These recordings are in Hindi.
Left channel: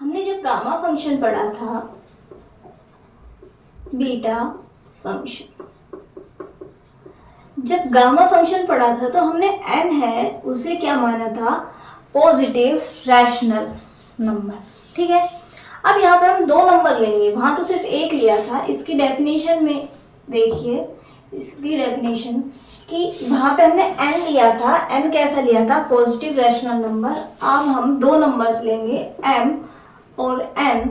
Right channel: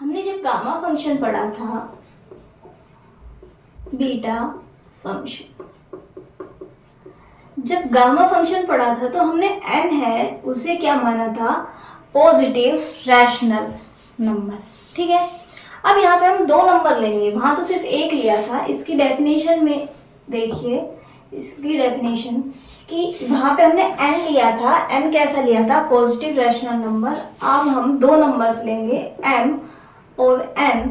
हमने जब गामा फंक्शन पढ़ा था, बीटा फंक्शन, जब गामा फंक्शन पढ़ा था तो हमने n है उसे क्या माना था, पॉजिटिव रैशनल नंबर। ठीक है, अब यहाँ पे हम दो नंबर लेंगे, वहाँ तो सिर्फ एक लिया था। इसकी डेफिनेशन में देखिए, इसकी डेफिनेशन कि वहाँ पे हमने n लिया था, n कैसा लिया था, पॉजिटिव रैशनल नंबर। अब हम दो नंबर्स लेंगे, m और n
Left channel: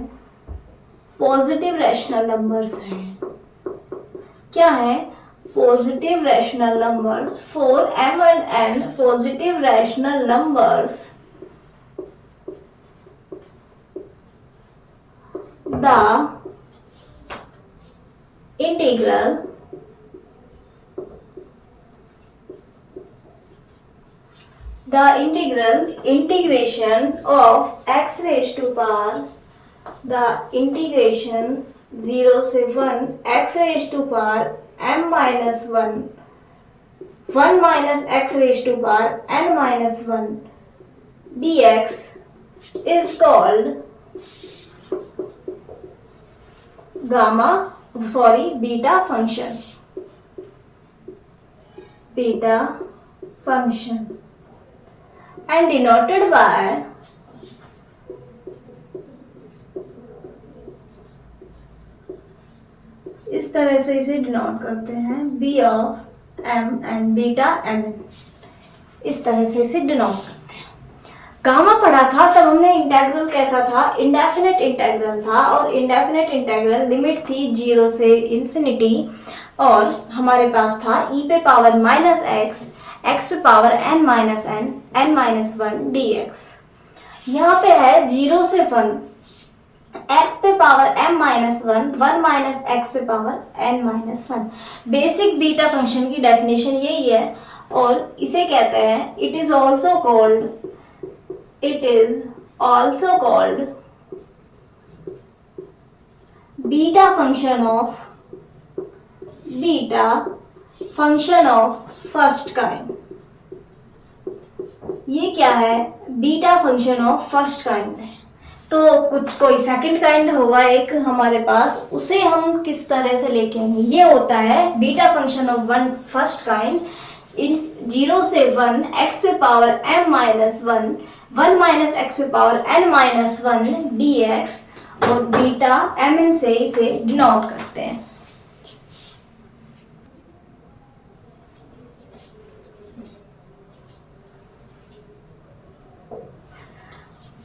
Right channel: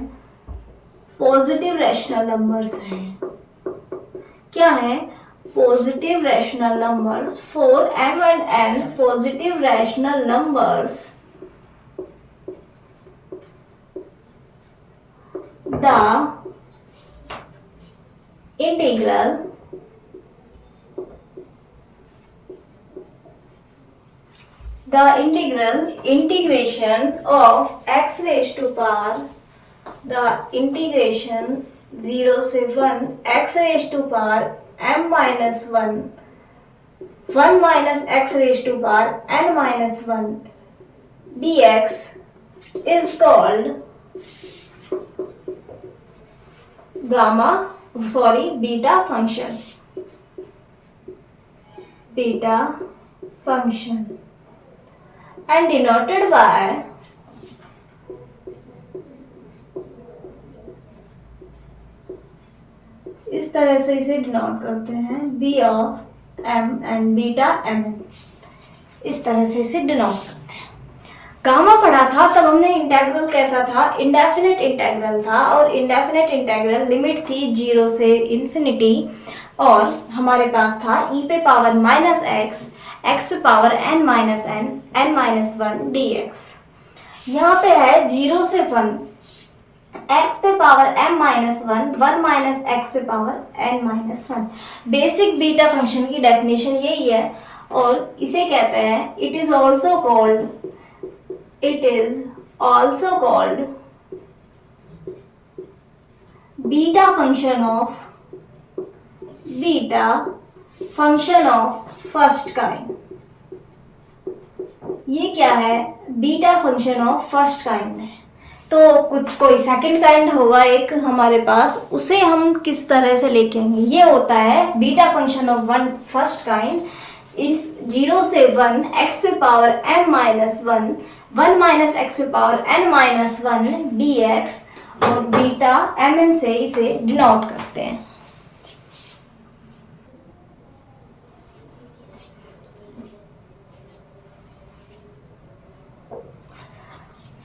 पॉजिटिव रैशनल नंबर्स हैं। क्या है, positive rational numbers. For m and n positive rational numbers, the integration of x raised to power, the integration 0 से 1 x raised to power m minus 1 minus x raised to power n minus 1 dx is called beta function. Beta function and denoted by इस तरह से इसे डिनोट करते हैं, b of m and beta mn, इस तरह से इसे डिनोट करते हैं। गामा पढ़ा था तब हमने इंटेग्रल कैसा था, इंडेफिनेट इंटेग्रल था, और इंडेफिनेट इंटेग्रल लिमिट थी 0 से इन्फिनिटी, और हमारे पास था e पे पावर माइनस x पे power n minus n minus 1 dx। यहाँ पे है 0 से 1, x पे power m minus 1 minus x पे power n minus 1। Basic beta function की डेफिनेशन यही है, और इसे कहते हैं it is also called beta function of first kind. ये क्या है, beta function of first kind है। तो कोई सेकंड काइंड होगा एक हमारे पास, उसे हम किस तरह से लेके आएंगे। ये होता है beta function of first kind in 0 से 1 x पे power m minus 1 minus x पे पावर n माइनस 1 dx, और बीटा mn से इसे डिनोट करते हैं।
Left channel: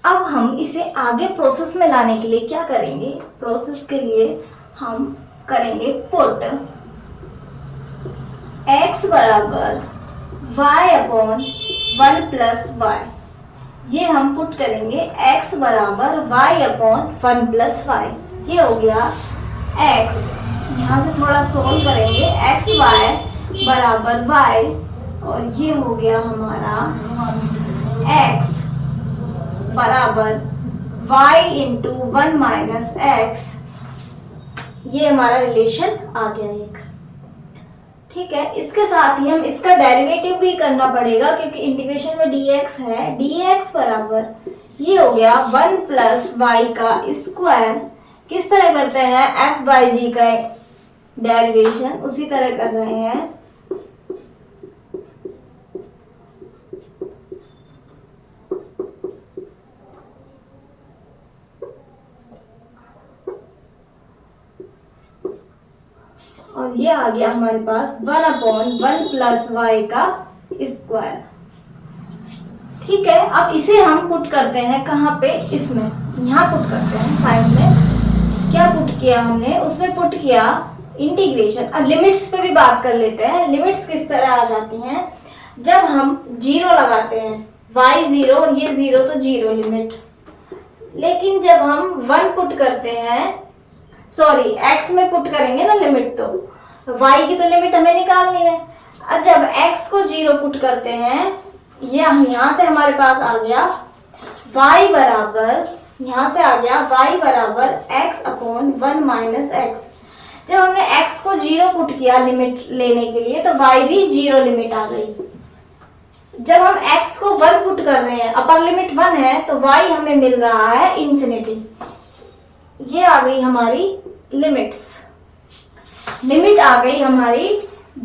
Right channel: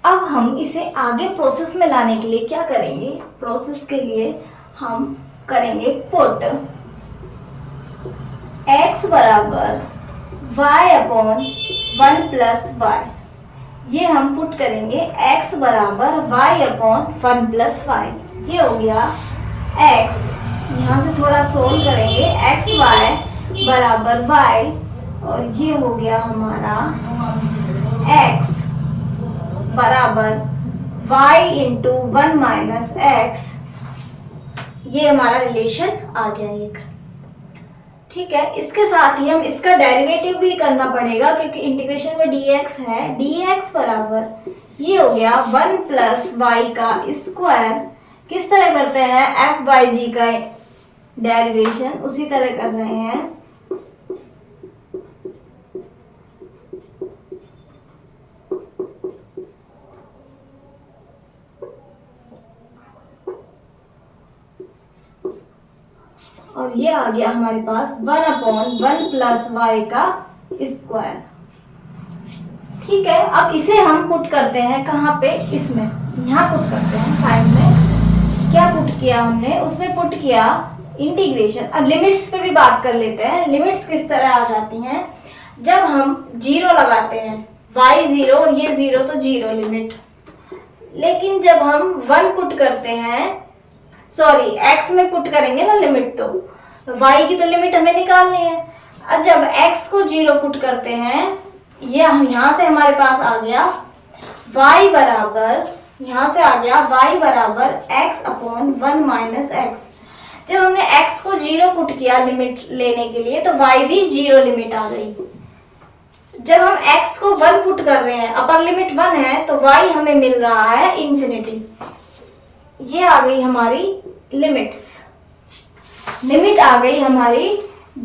अब हम इसे आगे प्रोसेस में लाने के लिए क्या करेंगे, प्रोसेस के लिए हम करेंगे पुट x बराबर y अपॉन 1 प्लस वाई। ये हम पुट करेंगे x बराबर y अपॉन 1 प्लस वाई। ये हो गया x, यहाँ से थोड़ा सोल्व करेंगे, x y बराबर y, और ये हो गया हमारा x बराबर y इंटू 1 माइनस x। ये हमारा रिलेशन आ गया एक। ठीक है, इसके साथ ही हम इसका डेरिवेटिव भी करना पड़ेगा, क्योंकि इंटीग्रेशन में dx है। dx बराबर ये हो गया 1 प्लस वाई का स्क्वायर। किस तरह करते हैं, f बाई जी का डेरिवेशन उसी तरह कर रहे हैं। और ये आ गया हमारे पास 1 अपॉन 1 प्लस वाई का स्क्वायर। ठीक है, अब इसे हम पुट करते हैं कहाँ पे, इसमें, यहाँ पुट करते हैं साइड में। क्या पुट किया हमने, उसमें पुट किया इंटीग्रेशन। अब लिमिट्स पे भी बात कर लेते हैं। लिमिट्स किस तरह आ जाती हैं, जब हम 0 लगाते हैं, y 0 और ये 0 तो 0 लिमिट। लेकिन जब हम 1 पुट करते हैं, सॉरी x में पुट करेंगे ना लिमिट, तो y की तो लिमिट हमें निकालनी है। अब जब x को 0 पुट करते हैं, ये हम यहाँ से हमारे पास आ गया y बराबर, यहाँ से आ गया y बराबर x अपॉन 1 माइनस एक्स। जब हमने x को 0 पुट किया लिमिट लेने के लिए, तो y भी 0 लिमिट आ गई। जब हम x को 1 पुट कर रहे हैं, अपर लिमिट 1 है, तो y हमें मिल रहा है इन्फिनिटी। ये आ गई हमारी लिमिट्स, लिमिट आ गई हमारी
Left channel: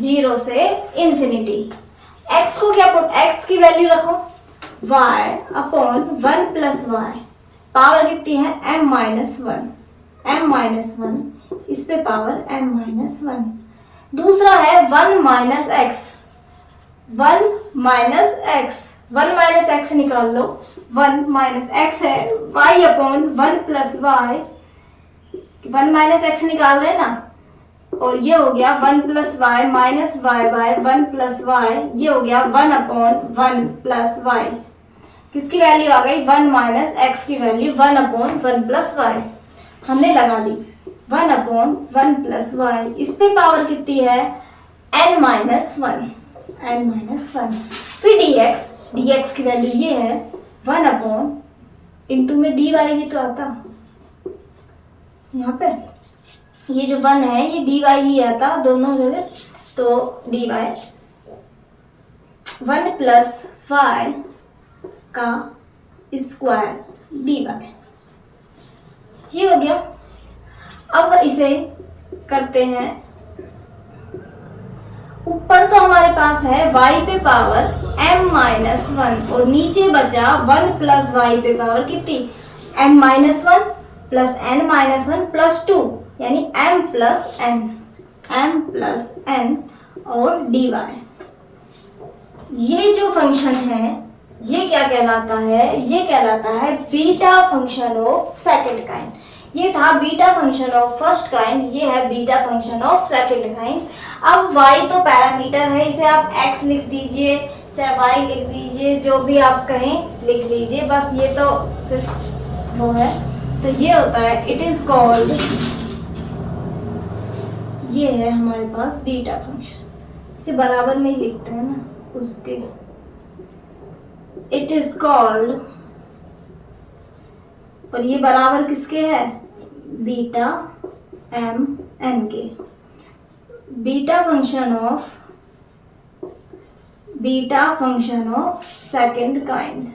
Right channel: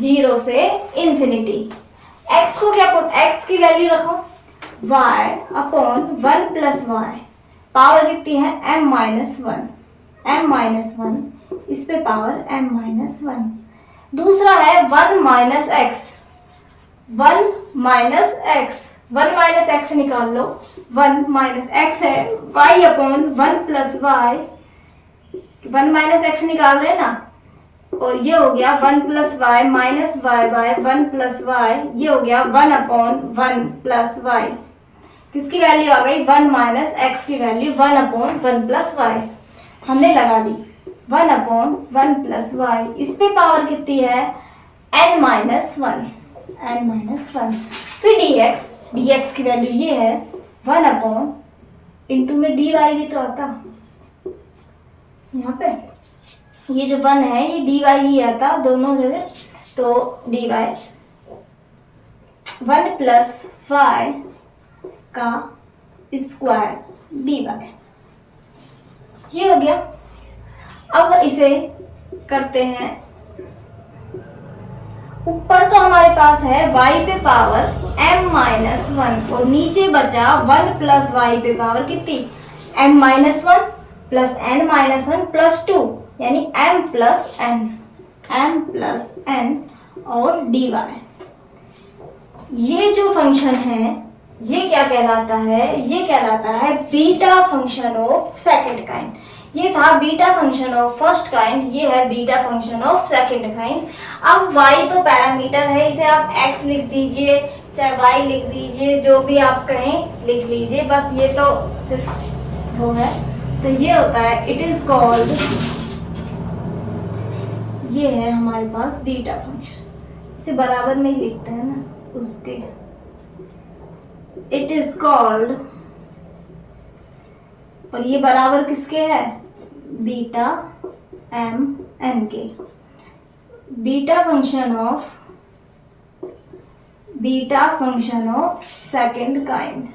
0 से इन्फिनिटी। x को क्या पुट, x की वैल्यू रखो y upon 1 plus y, power कितनी है m माइनस 1, इस पे पावर m माइनस 1। दूसरा है 1 माइनस एक्स, 1 माइनस एक्स निकाल लो, 1 माइनस एक्स है y upon 1 plus y, 1 minus x निकाल रहे हैं ना, और ये हो गया 1 plus y minus y by 1 plus y, ये हो गया 1 अपॉन 1 प्लस वाई। किसकी वैल्यू आ गई, 1 माइनस एक्स की वैल्यू 1 अपॉन 1 प्लस वाई, हमने लगा दी 1 अपॉन 1 प्लस वाई। इस पे पावर कितनी है n माइनस 1, फिर dx की वैल्यू ये है 1 अपॉन, इंटू में dy भी तो आता यहाँ पे, ये जो 1 है ये dy ही आता दोनों जगह, तो dy 1 प्लस वाई का स्क्वायर dy, ये हो गया। अब इसे करते हैं, ऊपर तो हमारे पास है y पे पावर m माइनस 1 और नीचे बचा 1 प्लस y पे पावर कितनी m minus 1 plus n minus 1 plus 2, यानी m प्लस n और dy। ये जो फंक्शन है ये क्या कहलाता है, ये कहलाता है beta function of second kind. ये था beta function of first kind, ये है beta function of second kind. अब y तो पैरामीटर है, इसे आप x लिख दीजिए चाहे y लिख दीजिए, जो भी आप कहें लिख लीजिए, बस ये तो सिर्फ वो है। तो ये होता है इट इज कॉल्ड, ये है हमारे पास बीटा फंक्शन, इसे बराबर में ही लिखते हैं ना उसके, इट इज कॉल्ड, और ये बराबर किसके है, बीटा m n के, beta function of second kind.